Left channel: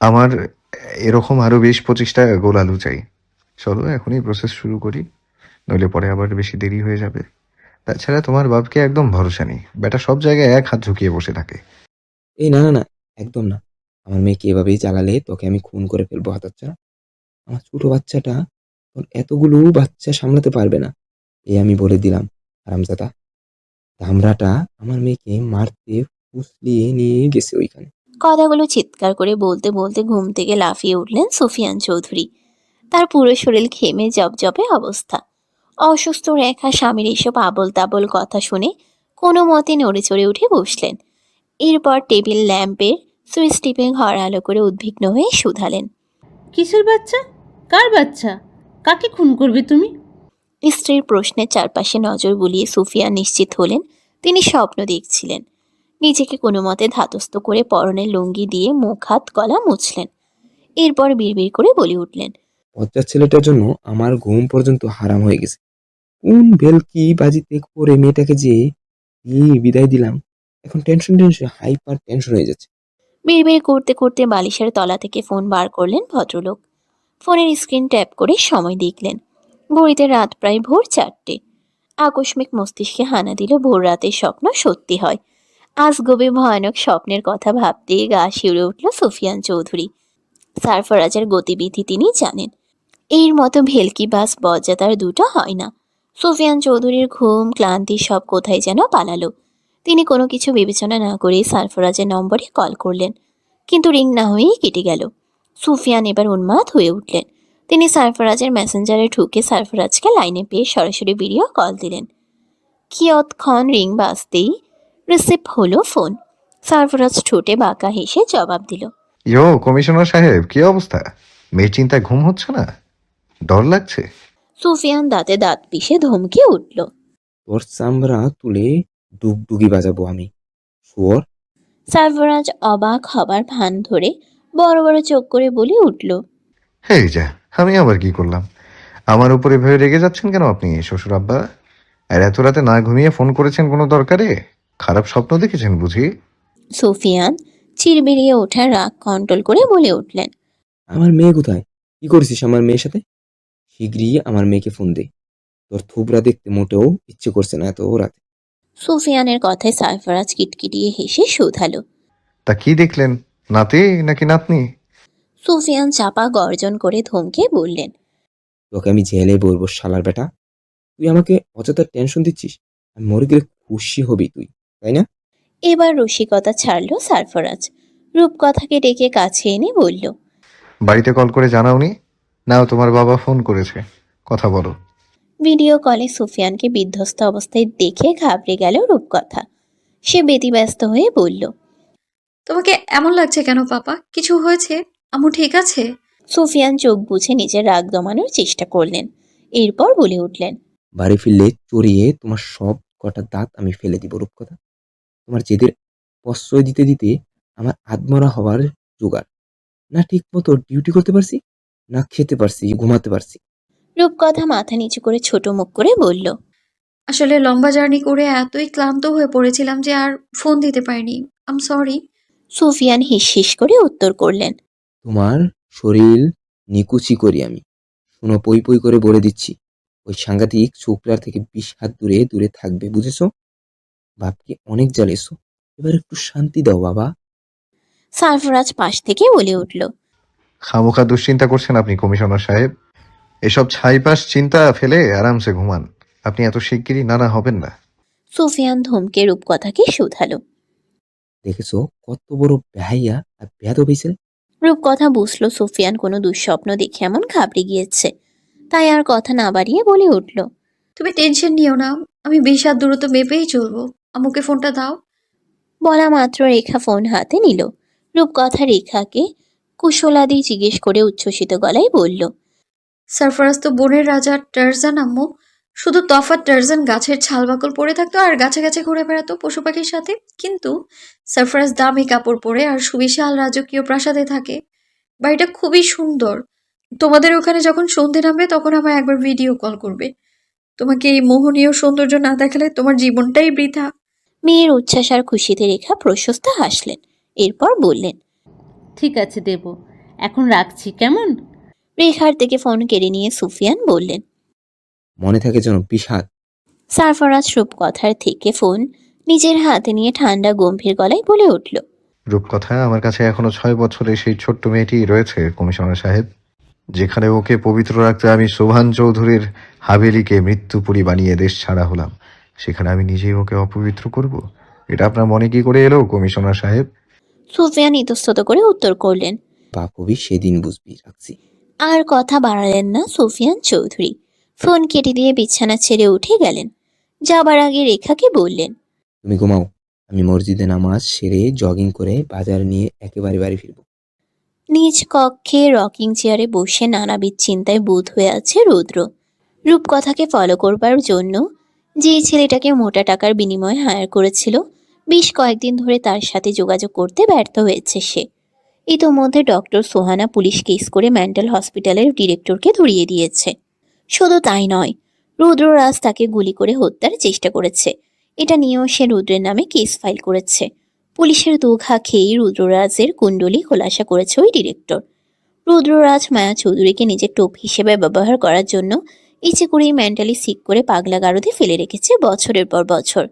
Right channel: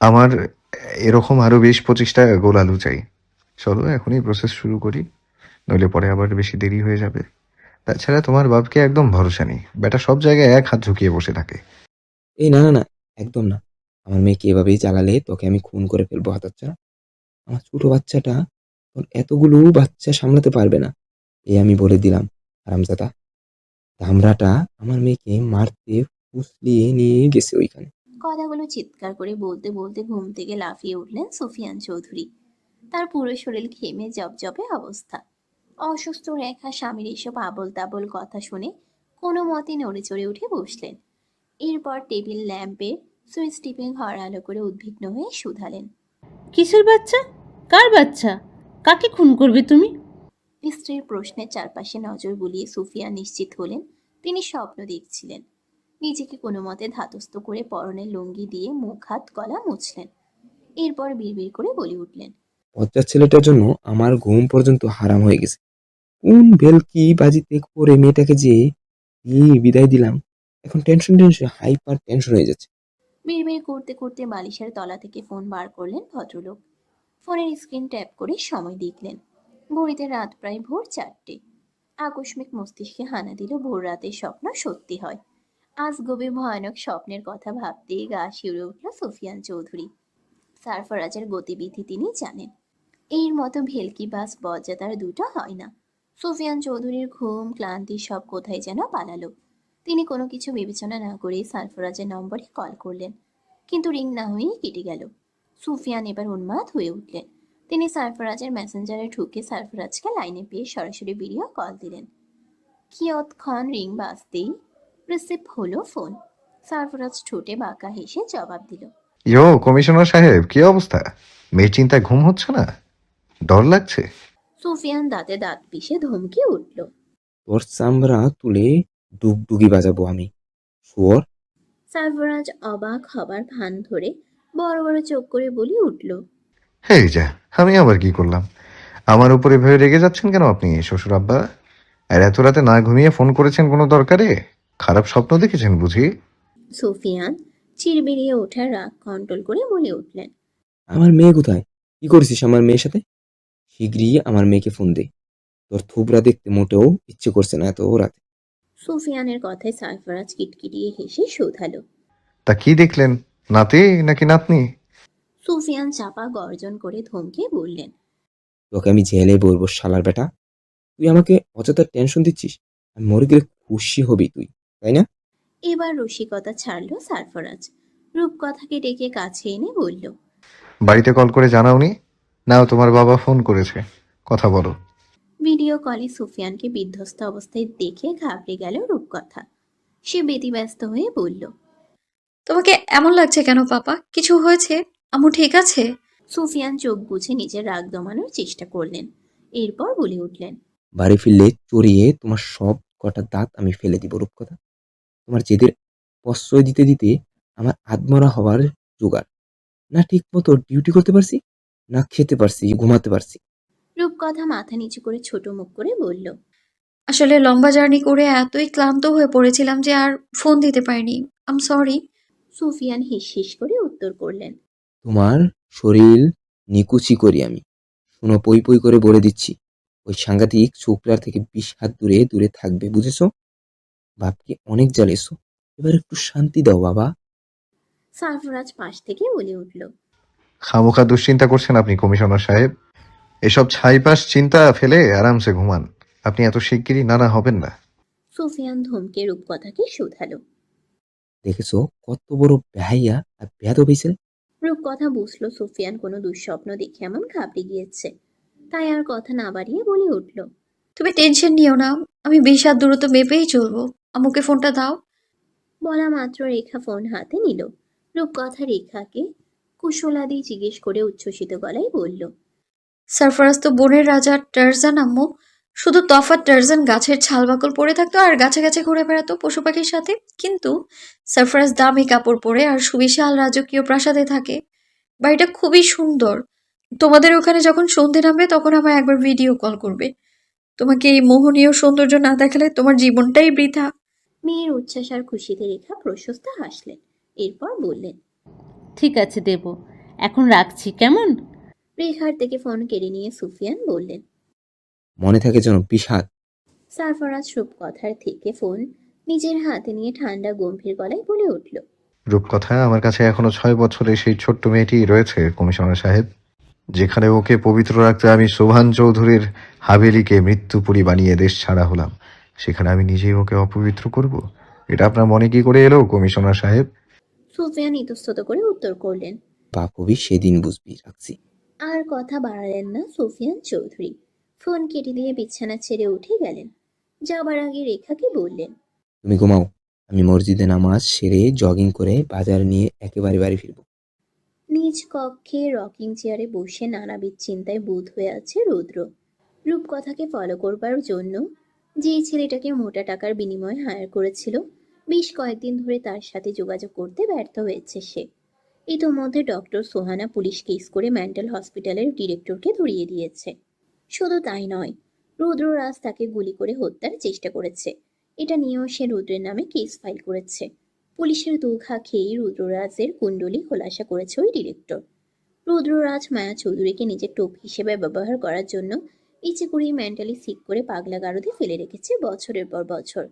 আমার এরকম আরও বেশ পঁচিশটা গোল আলু চাই। চলো, এখনই প্রসেস শুরু করি, নইলে পরে আবার বেশি দেরি হয়ে যাবে। তাছাড়া তোমার বাপকে একদম ভরসা নেই। বেটা সব জায়গায় এক হাত ঝুঁকিয়ে বসে থাকে। এই না না না, একদম না। আমার মেয়েকে এভাবেই চালালে তোকে আমি খুন করে ফেলব, হাতাচ্ছা। আমার ছোট বাচ্চাটা তোর এতগুলো বাচ্চা সামলাতে পারবে না। এই আমি বলে দিলাম আরামজাদা ধামরাটা আমার মেয়েকে মারতে ফুসলিয়ে নিয়ে গেছে ওইখানে। কথাগুলো চিৎকার করে বলতে বলতে ঘুম থেকে লাফিয়ে উঠলেন সুফিয়ান চৌধুরী। তার পুরো শরীর ঘেমে জবজবে অবস্থা। অসুস্থ রেখা স্বামীর এসব আবল তাবল কথা শুনে কোনো মতে নড়ে চড়ে উঠে বসলেন। এরপর টেবিল ল্যাম্পের সুইচ টিপে ঘর আলো করে উদ্বিগ্ন হয়ে শুধালেন। কিসের বাচ্চা? কার বাচ্চা? কাকে খুন করবে তুমি? স্ত্রীর প্রশ্নের চারপাশে নজর বুলিয়ে সুফিয়া নিশ্চিত হলেন। তিনি স্বপ্ন দেখছিলেন। নিজেকে কোনো মতে ধাতস্থ করে পরনে লুঙ্গি দিয়ে মুখ হাত গলা মুছলেন। এরপর বিড়বিড় করে বলে উঠলেন পঞ্চাশ ছেলেটার জন্য আমার ঘুম পর্যন্ত হারাম হয়ে গেছে। কোন বেলকি বাজিতে করে মেয়েটাকে যে দিয়ে বিদায় দিলাম এখন টেনশন টেনশন হাইপার টেনশন হয়ে যাচ্ছে। বিড়বিড় করতে করতে বালিশের তলা থেকে ফোন বার করলেন ভদ্রলোক। ফোনের স্ক্রিন ট্যাপ করে সময় দেখলেন। ঘড়িতে রাত প্রায় ভোর চারটে। আকস্মিক মস্তিষ্কে হানা দিল ভোর রাতের স্বপ্ন সত্যি হয়। আজ গভীর ভয়ানক স্বপ্নের কথা ভাবতেই গা শিউরে উঠল সুফিয়ান চৌধুরী। সারফরাজের গতিবিধি তিনি জানেন। এর মতো ভেলকি বাস বজ্জাতার দুটো হয় না। সুফিয়ান চৌধুরীর ঘুম, ক্লান্তি সব কোথায় যেন পালালো। তিনি কোনো কিছু বিবেচনা না করে সারফরাজের নম্বরে কল করলেন। কিন্তু রিং না হয়েই কেটে গেল। সুফিয়ান এবার উন্মাদ হয়ে উঠলেন। তিনি সারফরাজের মেসেঞ্জারে ঢুকে সারফরাজকে লাইনে পেয়ে সরাসরি ভিডিও কল দিলেন। কিয়ৎক্ষণ রিং বাজতেই রিসিভ হলো ফোন। সারফরাজ ঠোঁটে বাঁকা হেসে জবাব দিল। ইয়ো কমিশনার সাহেব কি অবস্থা? মেয়ের চিন্তায় ঘুম হচ্ছে না? ডর লাগছে? সুফিয়ান দাঁতে দাঁত পিষে ধমকে উঠল। তোর চামড়া তুলে ডুগডুগি বাজাবো আমি। শুয়োর। সারফরাজ অবাক হবার ভান ধরে বড় বড় চোখ করে বলে উঠল। এই যা আমি আবার কি করলাম? আমার উপরে ভয়ে রেগে যাচ্ছেন কেন আপনি শ্বশুর আব্বা? আর এত রাতে না ঘুমিয়ে ফোন করেছেন কোনো দরকারে? খারাপ স্বপ্ন দেখেছেন বুঝি? সুফিয়ান চিরবিরিয়ে ওঠা রাগ কন্ট্রোল করে বলে উঠলেন। আমার মেয়ে কোথায়? কি করেছিস আমার মেয়ের সাথে? শীঘ্রই আমার মেয়েকে ফোন দে। তোর থুবরা দেখতে মোটেও ইচ্ছে করছে না এত রাতে। সুফিয়ানের কথায় সারফরাজ কিটকিটিয়ে হেসে শুধালো। তা কি দেখলেন? নাতি নাকি নাতনি? সুফিয়ান চাপা গর্জন করে ধমকে বললেন তোকে আমি জেলে বলব শালার বেটা। তুই আমাকে অযথা টেনশন দিচ্ছিস? আমি মরে গেলে খুশি হবি তুই। তাই না? এবার রসিকতা ছাড়লো সারফরাজ। রূপকথাকে ডেকে কাছে এনে বলল বাড়িতে কল করে জানাওনি? নাও তোমার বাবা ফোন করেছে। কথা বলো। ভিডিও কলে সুফিয়ানকে বিধ্বস্ত অবস্থায় দেখে ঘাবড়ে গেল রূপকথা। সে ব্যতিব্যস্ত হয়ে বলল তোমাকে এমন লাগছে কেন পাপা? কিছু হয়েছে? আম্মু ঠিক আছে? সুফিয়ান চোখ বুঝে নিজের রাগ দমানোর চেষ্টা করলেন। এরপর বলে উঠলেন বাড়ি ফিরলে চড়িয়ে তোমার সব কটা দাঁত আমি ফেলে দিব রূপকথা। তোমার জেদের প্রশ্রয় দিতে দিতে আমার আত্মরা হওয়ার জোগাড়। না ঠিক মতো ডিউটি করতে পারছি না খেতে পারছি ঘুমাতে পারছি। রূপকথা মাথা নিচু করে ছোট মুখ করে বলল আসলে লম্বা জার্নি করে এতই ক্লান্ত হয়ে পড়েছিলাম যে আর ফোন দিতে পারিনি। আম সরি সুফিয়ান হিস হিস করে উত্তর করলেন তোমার শরীর নিকুচি করি আমি। শোনো পই পই করে বলে দিচ্ছি। ওই সাংঘাতিক ছোকরার থেকে বিশ হাত দূরে দূরে থাকবে বুঝেছ? বাপকে অনেক জ্বালেছো এবার একটু শান্তি দাও বাবা। সারফরাজ পাশ থেকে বলে উঠল। খামোখা দুশ্চিন্তা করছেন আপনি কমিশনার সাহেব। এসব ছাইপাশ চিন্তা ফেলে আরামসে ঘুমান। আপনি এত শিগগিরই নানা হবেন না। সুফিয়ান ধমকে রূপকথাকে শুধালো। দেখেছ কত বড় বেহাইয়া আর বেয়াদ হয়েছে রূপকথা বুঝলো সুফিয়ান কোনো দুঃস্বপ্ন দেখে এমন ঘাবড়ে গিয়েছে। তাই আর কথা না বাড়িয়ে বলে উঠল। তুমি টেনশন নিও না আমি বিশ হাত দূরত্ব মেপেই চলবো। আম্মুকে ফোনটা দাও। বলা মাত্র রেখা ফোন হাতে নিল। রূপকথা রেখাকে কুশলাদি জিজ্ঞেস করে উচ্ছ্বসিত গলায় বলল সারফরাজ তো বনের রাজা টার্জান আম্মু। শুধু তফাৎ টার্জান গাছের ছাল বাকল পরে থাকতো আর গাছে গাছে ঘুরে বেড়াতো পশু পাখির সাথে। কিন্তু সারফরাজ দামি কাপড় পরে আর সুবিশাল রাজকীয় প্রাসাদে থাকে। বাড়িটা খুবই সুন্দর। তোমাদের ওখানে যখন সন্ধে নামবে তখন আমায় একবার ভিডিও কল করবে। তোমাকে এই মোহনীয় সৌন্দর্য না দেখালে তোমার জীবনটাই বৃথা। মেয়ের উচ্ছ্বাস আর খুশিতে রেখা প্রশস্ত হাসলেন। এরপর বললেন ঠিক আছে দেব এখন রাখছি কেমন? রেখার থেকে ফোন কেড়ে নিয়ে সুফিয়ান বললেন মনে থাকে যেন বিষাদ। সারফরাজ রূপকথার থেকে ফোন নিজের হাতে নিয়ে ঠান্ডা গম্ভীর গলায় বলে উঠল রূপকথা আমার কাছে এখনও ছয় বছরের সেই ছোট্ট মেয়েটি রয়েছে কমিশনার সাহেব। যেখানে ওকে পবিত্র রাখতে আমি শোভান চৌধুরীর হাভেলিকে মৃত্যুপুরী বানিয়ে দেশ ছাড়া হলাম। সেখানে আমি নিজেই ওকে অপবিত্র করব। এটা আপনার মনে কি করে এলো কমিশনার সাহেব? সুফিয়ান ইতস্তত করে উত্তর করলেন বাপ হবি সেদিন বুঝবি রাখছি। আর কথা বাড়ালেন না সুফিয়ান চৌধুরী। ফোন কেটে দিয়ে বিছানা ছেড়ে উঠে গেলেন। যাবার আগে রেখাকে বললেন তুমি ঘুমাও আমি মসজিদে নামাজ সেরে জগিং করে বাজার নিয়ে একেবারে বাড়ি ফিরবো। নিজ কক্ষে রকিং চেয়ারে বসে নানাবিধ চিন্তায় বোধ হয়ে আছে রুদ্র। রূপকথাকে ফলো করবার জন্য যে ছেলেটাকে মোটা টাকার বিনিময়ে হায়ার করেছিল, বেশ কয়েকদিন ধরে তার সাথে যোগাযোগ করতে ব্যর্থ হয়েছে সে। ইতোমধ্যে ডক্টর সোহানা পুলিশ কেস করে মেন্টাল হসপিটালের ডিরেক্টরকে ধরিয়ে দিয়েছে। শুধু তাই নয়, রুদ্ররাজ তাকে গুলি করে হত্যার চেষ্টা করেছে। এটা নিয়েও সে রুদ্রের নামে কেস ফাইল করেছে। পুলিশের দুঘা খেয়েই রুদ্ররাজের কুণ্ডলী খোলাসা করেছে ওই ডিরেক্টর। রুদ্ররাজ মায়া চৌধুরীকে নিজের টোপ হিসেবে ব্যবহার করার জন্য ইচ্ছে করেই মেন্টালি সিক করে পাগলা গারদে ফেলে রেখেছে বছরের পর বছর।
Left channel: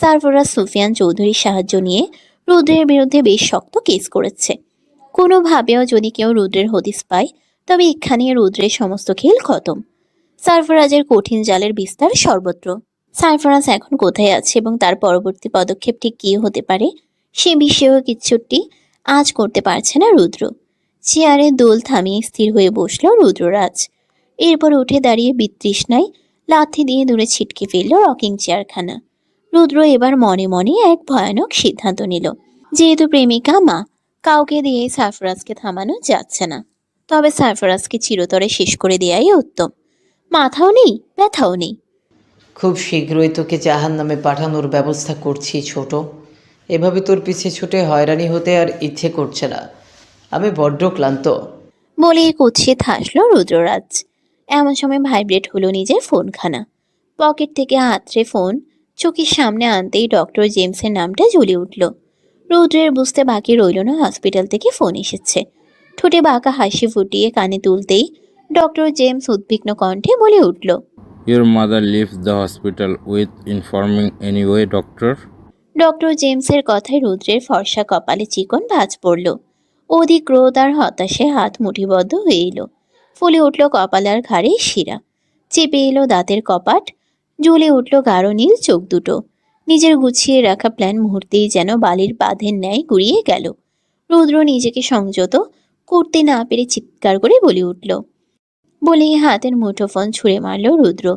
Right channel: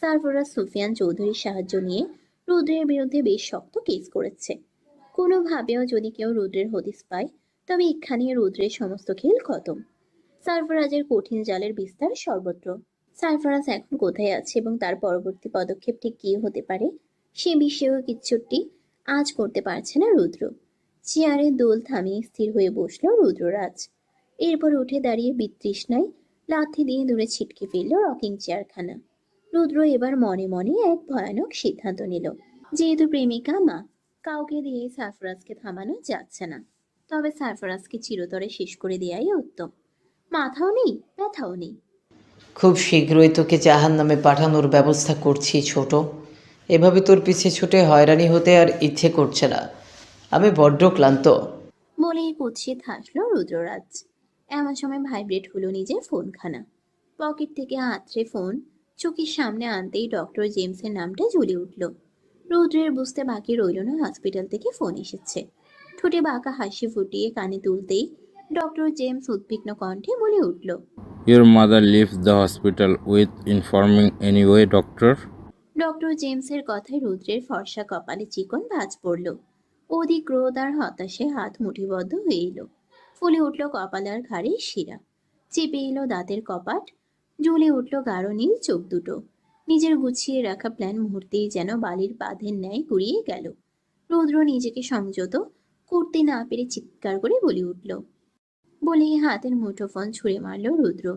সারফরাজ সুফিয়ান চৌধুরীর সাহায্য নিয়ে রুদ্রের বিরুদ্ধে বেশ শক্ত কেস করেছে। কোনোভাবেও যদি কেউ রুদ্রের হদিস পায়, তবে এখানে রুদ্রের সমস্ত খেল খতম। সারফরাজের কঠিন জালের বিস্তার সর্বত্র। সারফরাজ এখন কোথায় আছে এবং তার পরবর্তী পদক্ষেপ ঠিক কী হতে পারে, সে বিষয়েও কিচ্ছুটি আজ করতে পারছে না রুদ্র। চেয়ারে দোল থামিয়ে স্থির হয়ে বসল রুদ্ররাজ। এরপর উঠে দাঁড়িয়ে বিতৃষ্ণায় লাথি দিয়ে দূরে ছিটকে ফেলল রকিং চেয়ারখানা। রুদ্র এবার মনে মনে এক ভয়ানক সিদ্ধান্ত নিল যেহেতু প্রেমিকা মা কাউকে দিয়ে সারফরাজকে থামানো যাচ্ছে না। তবে সারফরাজকে চিরতরে শেষ করে দেয়াই উত্তম। মাথাও নেই ব্যথাও নেই। খুব শীঘ্রই তোকে জাহান নামে পাঠানোর ব্যবস্থা করছি ছোট। এভাবে তোর পিছে ছুটে হয়রানি হতে আর ইচ্ছে করছে না। আমি বড্ড ক্লান্ত। বলে কুচিয়ে থাসলো রুদ্ররাজ। এমন সময় ভাইব্রেট হলো নিজের ফোনখানা। পকেট থেকে হাতড়ে ফোন চোখের সামনে আনতেই ডক্টর জেমসের নামটা জ্বলে উঠল। রুদ্রের বুঝতে বাকি রইল না হসপিটাল থেকে ফোন এসেছে। ঠোঁটে বাঁকা হাসি ফুটিয়ে কানে তুলতেই ডক্টর জেমস উদ্বিগ্ন কণ্ঠে বলে উঠল Your mother leaves the hospital with informing anyway, doctor. Doctor জেমসের কথায় রুদ্রের ফর্সা কপালে চিকন ভাঁজ পড়ল। অধিক ক্রোধ আর হতাশে হাত মুঠিবদ্ধ হয়ে এলো। ফুলে উঠল কপালার ঘাড়ে শিরা। চেপে এলো দাঁতের কপাট, জ্বলে উঠল গাঢ় নীল চোখ দুটো। নিজের গুছিয়ে রাখা প্ল্যান মুহূর্তেই যেন বালির বাঁধের ন্যায় গুড়িয়ে গেল। রুদ্র নিজেকে সংযত, করতে না পেরে চিৎকার করে বলে উঠল। বলেই হাতের মুঠোফোন ছুঁড়ে মারল রুদ্র।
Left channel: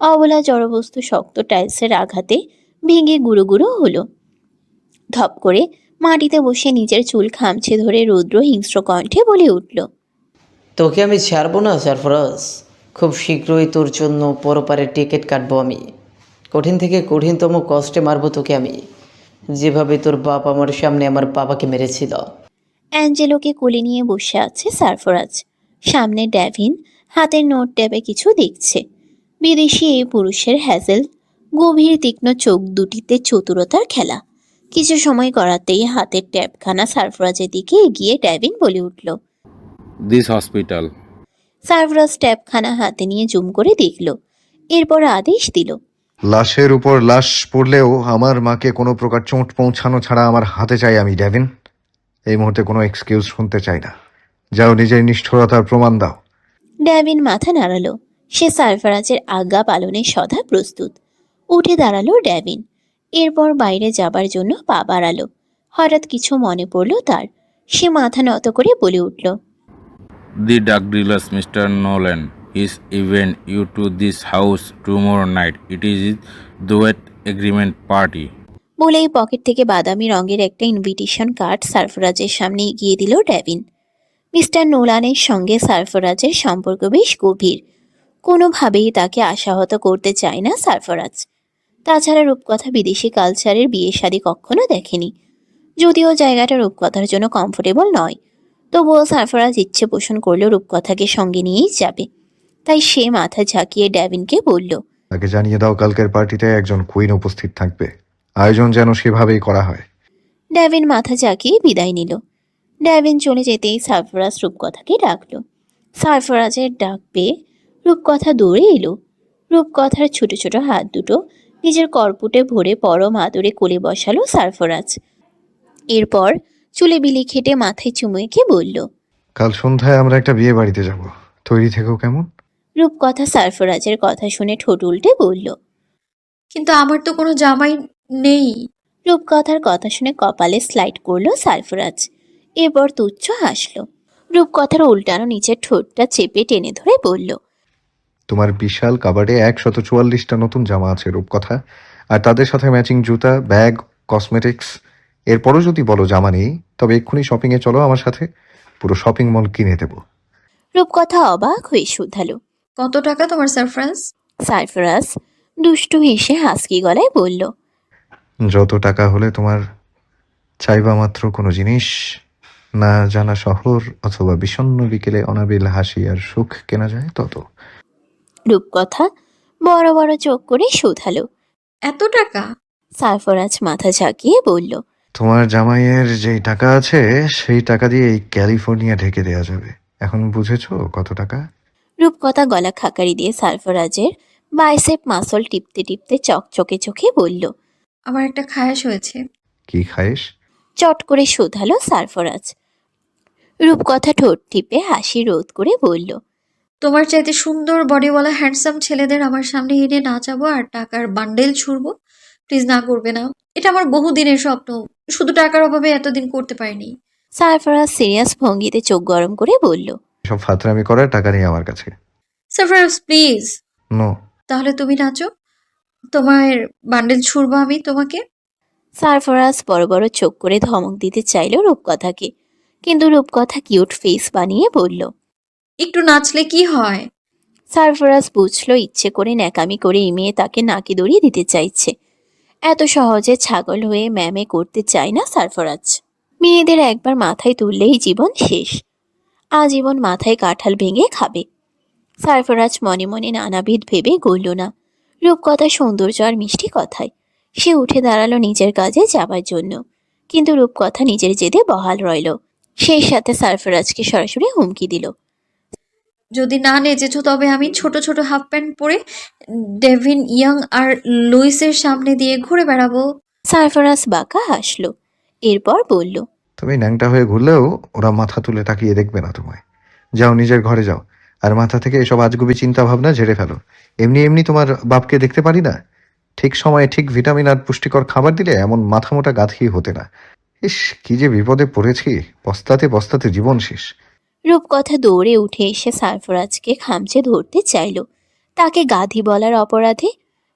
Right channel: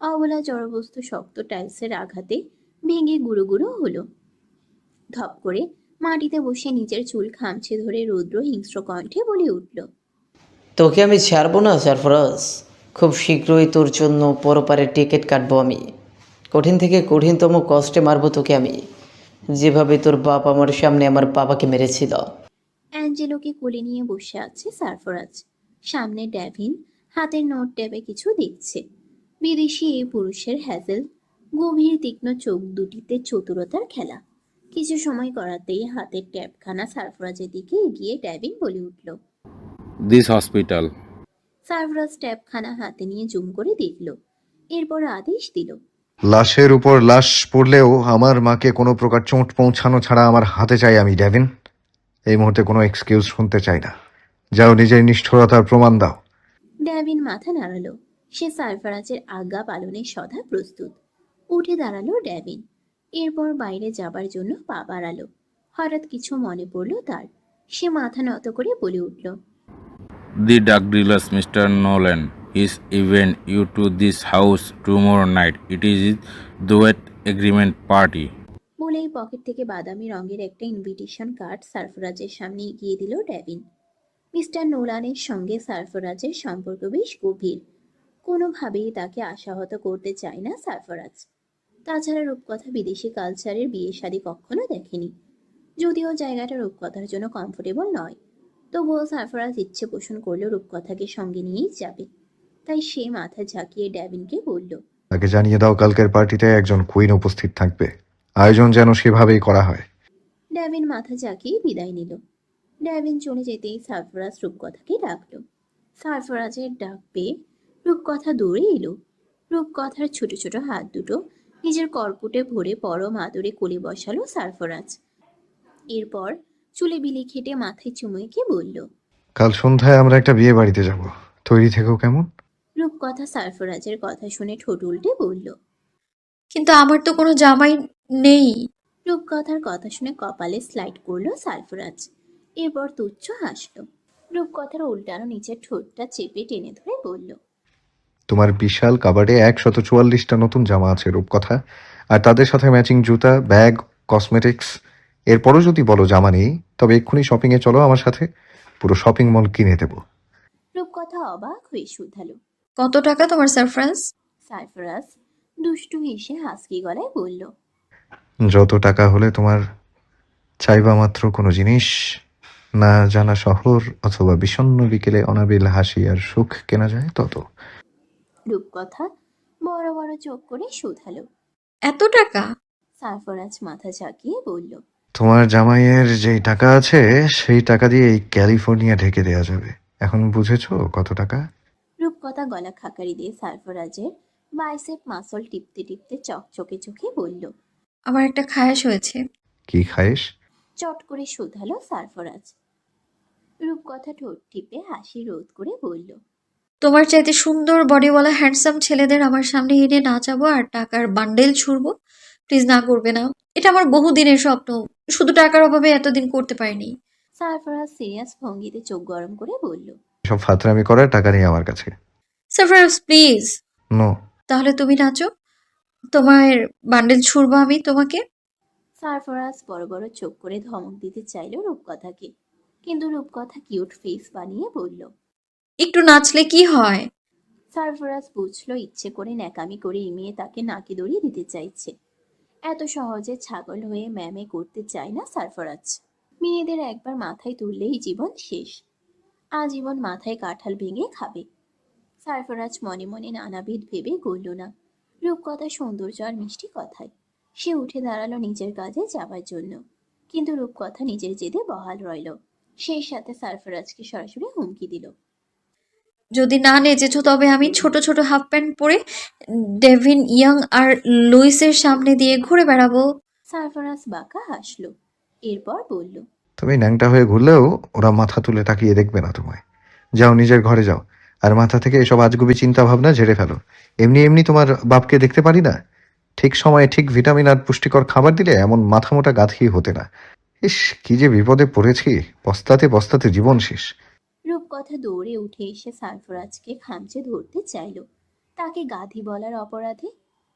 অবলা জড়বস্তু শক্ত টাইলসের আঘাতে ভেঙে গুঁড়ো গুঁড়ো হলো। ধপ করে মাটিতে বসে নিজের চুল খামছে ধরে রুদ্র হিংস্র কণ্ঠে বলে উঠল তোকে আমি ছাড়বো না, সারফরাজ। খুব শীঘ্রই তোর জন্য পরপারের টিকিট কাটবো আমি। কঠিন থেকে কঠিনতম কষ্টে মারবো তোকে আমি। যেভাবে তোর বাপ আমার সামনে আমার বাবাকে মেরেছিল। অ্যাঞ্জেলোকে কোলে নিয়ে বসে আছে সারফরাজ। সামনে ড্যাভিন হাতের নোট ট্যাবে কিছু দেখছে। বিদেশি এই পুরুষের হ্যাজেল, গভীর তীক্ষ্ণ চোখ দুটিতে চতুরতার খেলা। কিছু সময় করাতেই হাতের ট্যাবখানা সারফরাজের দিকে এগিয়ে ড্যাভিন বলে উঠল। This hospital. সারফরাজ ট্যাবখানা হাতে নিয়ে জুম করে দেখল। এরপর আদেশ দিল। লাশের উপর লাশ পড়লেও আমার মাকে কোনো প্রকার চোট পৌঁছানো ছাড়া আমার হাতে চাই আমি ডেভিন। এই মুহূর্তে কোনো এক্সকিউজ শুনতে চাই না। যাও নিজের নিষ্ঠুরতার প্রমাণ দাও। ড্যাভিন মাথা নাড়ালো। সে সারফারাজের আজ্ঞা পালনে সদা প্রস্তুত। উঠে দাঁড়াল ড্যাভিন এরপর বাইরে যাবার জন্য পা বাড়ালো। হঠাৎ কিছু মনে পড়ল তার। সে মাথা নত করে বলে উঠল The drug dealers, Mr. Nolan, is event you to this house tomorrow night. It is wet agreement party. বলেই পকেট থেকে বাদামি রঙের একটা ইনভিটেশন কার্ড সারফরাজের সামনে এগিয়ে দিল ড্যাভিন মিস্টার নোলানের সঙ্গে সারফরাজের সম্পর্ক বেশ গভীর কোনোভাবেই তাকে আশাহত করতে চায় না সারফরাজ তাছাড়া রূপকথা বিদেশি কালচারের বিয়ে শাদী কখনো দেখেনি যদিও জায়গাটা রূপকথার জন্য কমফোর্টেবল নয় তবুও সারফরাজ ইচ্ছে পোষণ করল রূপকথাকে সঙ্গে নিয়েই যাবে। তাই সে মাথা ঝাঁকিয়ে ড্যাভিনকে বলল তাকে জানিয়ে দাও কালকের পার্টিতে একজন কুইন উপস্থিত থাকবে। আয়োজন যেন সেভাবেই করা হয়। ড্যাভিন মাথা ঝাঁকিয়ে বিদায় নিল। ড্যাভিন চলে যেতেই সারফরাজ রূপকথাকে ডাকলো। সারফরাজের ডাক পেয়ে রূপকথা দৌড়ে এলো। রূপকথার ছোট ছোট হাত দুটো নিজের করপুটে ভরে পরম আদরে কোলে বসালো সারফরাজ। এরপর চুলে বিলি খেটে মাথায় চুমু এঁকে বলল কাল সন্ধ্যায় আমরা একটা বিয়ে বাড়িতে যাব। তৈরি থেকেও কেমন? রূপকথা সারফরাজের কথা শুনে ঠোঁট উল্টে বলল কিন্তু আমার তো কোনো জামাই নেই। রূপকথার কথা শুনে কপালে স্লাইড করল সারফরাজ। এরপর তুচ্ছ হাসলো। রূপকথার উল্টানো নিচের ঠোঁটটা চেপে টেনে ধরে বলল তোমার বিশাল কাবাডে একশত চুয়াল্লিশটা নতুন জামা আছে রূপকথা আর তাদের সাথে ম্যাচিং জুতা ব্যাগ কসমেটিক্স এরপরও যদি বলো জামা নেই তবে এক্ষুনি শপিংয়ে চলো আমার সাথে। পুরো শপিং মল কিনে দেবো। রূপকথা অবাক হয়ে শুধালো। কত টাকা তোমার সারফ্রাজ সারফরাজ দুষ্টু হেসে হাসকি গলায় বলল যত টাকা হলে তোমার চাইবা মাত্র কোনো জিনিস না জানা শহর অথবা বিষণ্ণ বিকেলে অনাবিল হাসি আর সুখ কেনা যায় তত। রূপকথা বড় বড় চোখ করে শুধালো। এত টাকা? সারফরাজ মাথা ঝাঁকিয়ে বলল তোমার জামাইয়ের যেই টাকা আছে সেই টাকা দিয়ে এই ক্যালিফোর্নিয়া ঢেকে দেওয়া যাবে। এখন বুঝেছ কত টাকা? রূপকথা গলা খাকারি দিয়ে সারফরাজের বাইসেপ মাসল টিপতে টিপতে চকচকে চোখে বলল আমার একটা খায়াশ হয়েছে। কি খাইস চট করে শোধালো সারফরাজ রূপকথা ঠোঁট টিপে হাসি রোধ করে বলল তোমার চাইতে সুন্দর বডিওয়ালা হ্যান্ডসাম ছেলেদের আমার সামনে এনে নাচাবো আর টাকার বান্ডেল ছুড়বো। প্লিজ না করবে না। এটা আমার বহু দিনের স্বপ্ন। শুধু টাকার অভাবে এতদিন করতে পারিনি। সারফরাজ সিরিয়াস ভঙ্গিতে চোখ গরম করে বলল সব ফাতরামি করার টাকা নেই আমার কাছে। সারফরাজ প্লিজ। নো। তাহলে তুমি নাচো। তোমার বান্ডেল ছুড়বো আমি তোমাকে। সারফরাজ বড় বড় চোখ করে ধমক দিতে চাইল রূপকথাকে। কিন্তু রূপকথা কিউট ফেস বানিয়ে বলল একটু নাচলে কি হয়? সারফরাজ বুঝলো ইচ্ছে করে ন্যাকামি করে এই মেয়ে তাকে নাকি দড়িয়ে দিতে চাইছে। এত সহজে ছাগল হয়ে ম্যামে করতে চায় না সারফরাজ। মেয়েদের একবার মাথায় তুললেই জীবন শেষ। আজীবন মাথায় কাঁঠাল ভেঙে খাবে। সারফরাজ মনে মনে নানাবিধ ভেবে গড়ল না। রূপকথা, সৌন্দর্য আর মিষ্টি কথায়। সে উঠে দাঁড়াল নিজের কাজে যাবার জন্য। কিন্তু রূপকথা নিজের জেদে বহাল রইল। সেই সাথে সারফরাজকে সরাসরি হুমকি দিল। যদি না নেচেছো তবে আমি ছোট ছোট হাফ প্যান্ট পরে ডেভিন ইয়াং আর লুইসের সামনে দিয়ে ঘুরে বেড়াবো। সারফরাজ বাঁকা হাসলো। এরপর বলল তুমি ন্যাংটা হয়ে ঘুরলেও ওরা মাথা তুলে তাকিয়ে দেখবে না তোমায়। যাও নিজের ঘরে যাও। আর মাথা থেকে এসব আজগুবি চিন্তা ভাবনা ঝেড়ে ফেলো। এমনি এমনি তোমার বাপকে দেখতে পারি না? ঠিক সময়ে ঠিক ভিটামিন আর পুষ্টিকর খাবার দিলে এমন মাথা মোটা গাঁথি হতে না। ইস কি যে বিপদে পড়েছি। বস্তাতে বস্তাতে জীবন শেষ। রূপকথা দৌড়ে উঠে এসে সারফরাজকে খামচে ধরতে চাইল। তাকে গাধি বলার অপরাধে,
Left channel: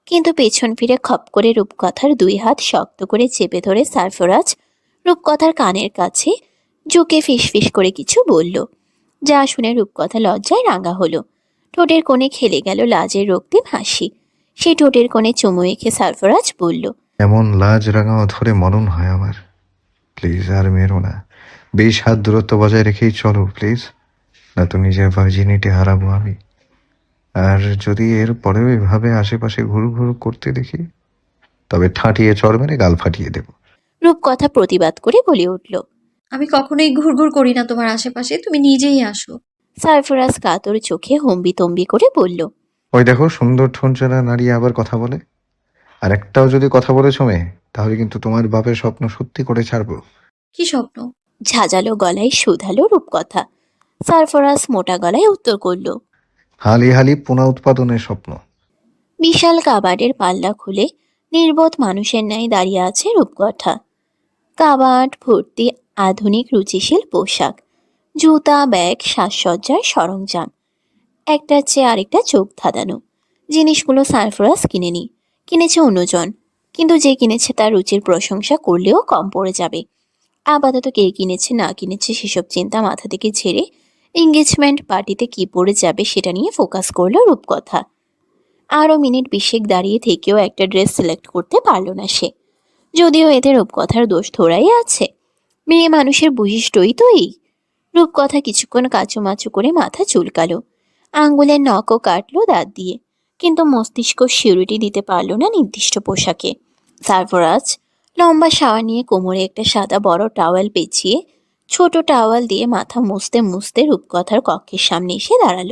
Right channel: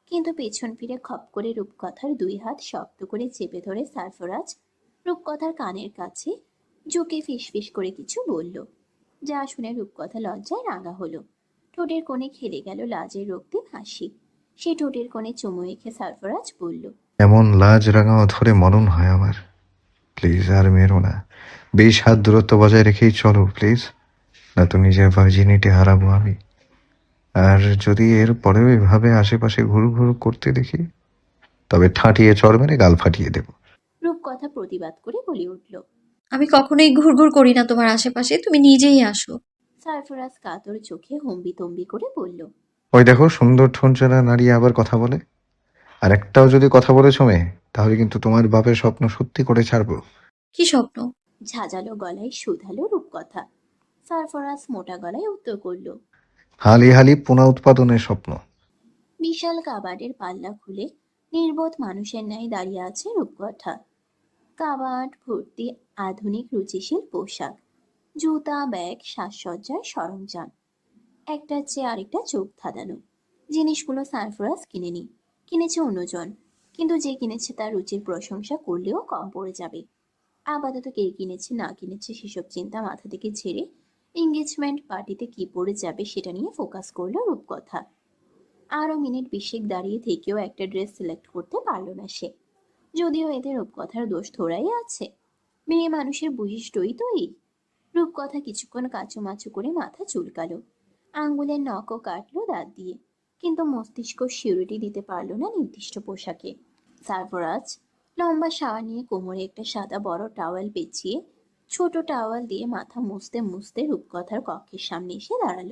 কিন্তু পেছন ফিরে খপ করে রূপকথার দুই হাত শক্ত করে চেপে ধরে সারফরাজ রূপকথার কানের কাছে ঝুঁকে ফিসফিস করে কিছু বলল। যা শুনে রূপকথা লজ্জায় রাঙা হলো। ঠোঁটের কোণে খেলে গেল লাজের রক্তিম হাসি। সে ঠোঁটের কোণে চুমু এঁকে সারফরাজ বলল, এমন লাজ রাঙাও ধরে মরণ হয় আমার। প্লিজ আর মেরো না। বেশ হাত দূরত্ব বজায় রেখেই চলো প্লিজ না তো নিজের ভার্জিনিটি হারাবো আমি। আর যদি এর পরেও এভাবে আশেপাশে ঘুর ঘুর করতে দেখি তবে ঠাঁটিয়ে চড় মেরে গাল ফাটিয়ে দেবো। রূপকথা প্রতিবাদ করে বলে উঠল। আমি কখনোই ঘুরঘুর করি না তোমার আশেপাশে তুমি নিজেই আসো। সারফরাজ কাতর চোখে হম্বি তম্বি করে বলল ওই দেখো সুন্দর ঠোঁটজোড়া নাড়িয়ে আবার কথা বলে। আর একটাও যদি কথা বলেছ মেয়ে তাহলে কিন্তু তোমার বাপের স্বপ্ন সত্যি করে ছাড়বো। কি স্বপ্ন? ঝাঁঝালো গলায় শুধালো রূপকথা। সারফরাস মোটা গলায় উত্তর করল হালি হালি পুনা উৎপাদনের স্বপ্ন। বিশাল কাবাডের পাল্লা খুলে নির্বোধ মানুষের ন্যায় দাঁড়িয়ে আছে রূপকথা। কাবাড ভর্তি আধুনিক রুচিশীল পোশাক জুতা ব্যাগ সাজসজ্জার সরঞ্জাম একটা চেয়ে আরেকটা চোখ ধাঁধানো। জিনিসগুলো সারফরাজ কিনেনি কিনেছে অন্যজন কিন্তু যে কিনেছে তার রুচির প্রশংসা করলেও কম পড়ে যাবে। আপাতত কে কিনেছে, না কিনেছে সেসব চিন্তা মাথা থেকে ঝেড়ে এঙ্গেজমেন্ট পার্টিতে কি পড়ে যাবে সেটা নিয়ে ফোকাস করল রূপকথা। আরও মিনিট বিশেক দাঁড়িয়ে থেকেও একটা ড্রেস সিলেক্ট করতে পারল না সে। যদিও এতে রূপকথার দোষ ধরাই আছে। মেয়ে মানুষের বৈশিষ্ট্যই তো এই। রূপকথা কিছুক্ষণ কাচুমাচু করে মাথা চুলকালো। আঙ্গুলের নখও কাটলো দাঁত দিয়ে। কিন্তু মস্তিষ্ক সিউরিটি দিতে পারল না নির্দিষ্ট পোশাকে। সারফরাজ লম্বা শাওয়ার নিয়ে কোমরে একটা সাদা বড় টাওয়েল পেঁচিয়ে ছোট টাওয়াল দিয়ে মাথা মুছতে মুছতে রূপকথার কক্ষের সামনে এসে দাঁড়াল।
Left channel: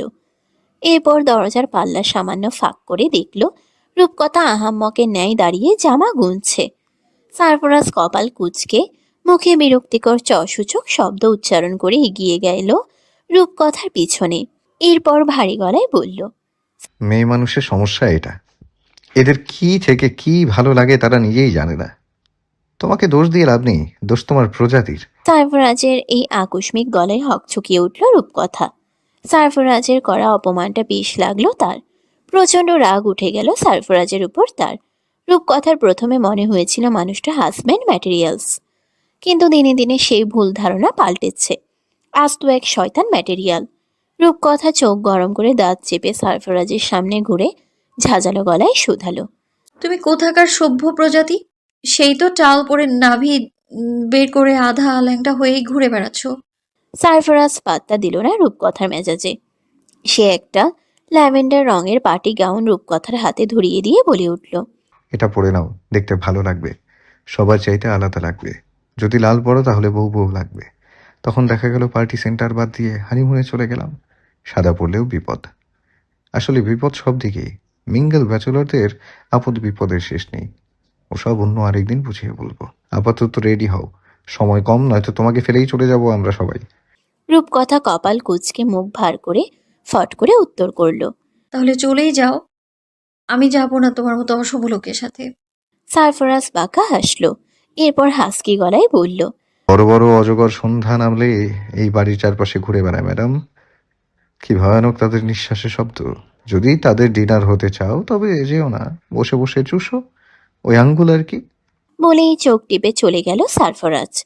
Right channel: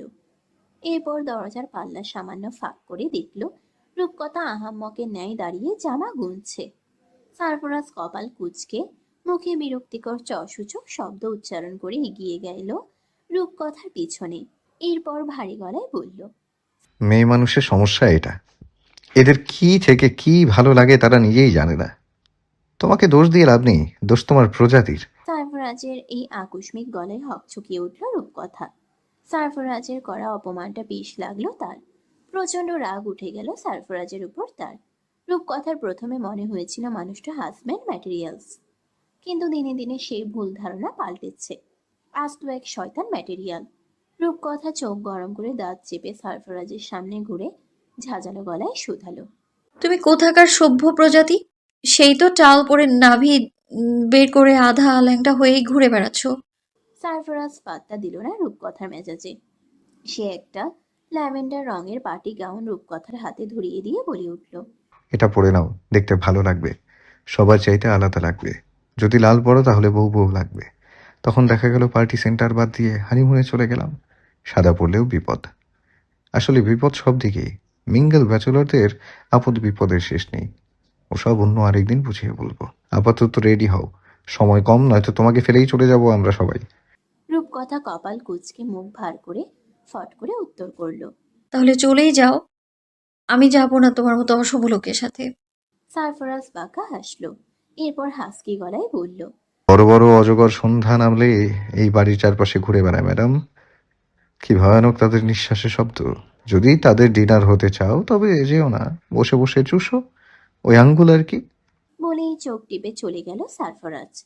এরপর দরজার পাল্লা সামান্য ফাঁক করে দেখল, রূপকথা আহাম্মকের ন্যায় দাঁড়িয়ে জামা গুনছে। সারফরাজ কপাল কুচকে, মুখে বিরক্তিকর চসূচক শব্দ উচ্চারণ করে এগিয়ে গেল রূপকথার পিছনে। এরপর ভারী গলায় বলল, মেয়ে মানুষের সমস্যা এটা। এদের কি থেকে কি ভালো লাগে তারা নিজেই জানে না। তোমাকে দোষ দিয়ে লাভ নেই দোষ তোমার প্রজাতির। সারফরাজের এই আকস্মিক গলায় হকচকিয়ে উঠল রূপকথা। সারফরাজের করা অপমানটা বেশ লাগল তার। প্রচণ্ড রাগ উঠে গেল সারফরাজের উপর তার। রূপকথার প্রথমে মনে হয়েছিল মানুষটা হাজব্যান্ড ম্যাটেরিয়ালস কিন্তু দিনে দিনে সেই ভুল ধারণা পাল্টেছে। আস্ত এক শয়তান ম্যাটেরিয়াল রূপকথা চোখ গরম করে দাঁত চেপে সারফরাজের সামনে ঘুরে ঝাঁঝালো গলায় শুধালো। তুমি কোথাকার সভ্য প্রজাতি? সেই তো টাল পরে নাভি বের করে আধা ল্যাংটা হয়েই ঘুরে বেড়াচ্ছ। সারফরাজ পাত্তা দিল না রূপকথার মেজাজে। সে একটা ল্যাভেন্ডার রঙের পার্টি গাউন রূপকথার হাতে ধরিয়ে দিয়ে বলে উঠল এটা পরে নাও দেখতে ভালো লাগবে। সবার চাইতে আলাদা লাগবে। যদি লাল পড়ো তাহলে বউ বউ লাগবে। তখন দেখা গেল পার্টি সেন্টার বাদ দিয়ে হানিমুনে চলে গেলাম। সাদা পড়লেও বিপদ। আসলে বিপদ সব দিকেই। মিঙ্গেল ব্যাচেলরদের আপদ বিপদের শেষ নেই। ওসব অন্য আরেকদিন বুঝিয়ে বলব। আপাতত রেডি হও। সময় কম নয়তো তোমাকে ফেলেই চলে যাব আমরা সবাই। রূপকথা কপাল কুচকে মুখ ভার করে ফট করে উত্তর করল তাহলে চলেই যাও। আমি যাব না তোমার মতো অশুভ লোকের সাথে। সারফরাজ বাঁকা হাসলো এরপর হাসকি গলায় বলল বড় বড় অজগর সন্ধ্যা নামলে এই বাড়ির চারপাশে ঘুরে বেড়ায় ম্যাডাম। কি ভয়ানক তাদের নিঃশ্বাসের শব্দ। যদি তাদের ডিনার হতে চাও তবে যেও না। বসে বসে চুষো। ওই আঙ্গুল আর কি? বলেই চোখ টিপে চলে গেল সারফরাজ।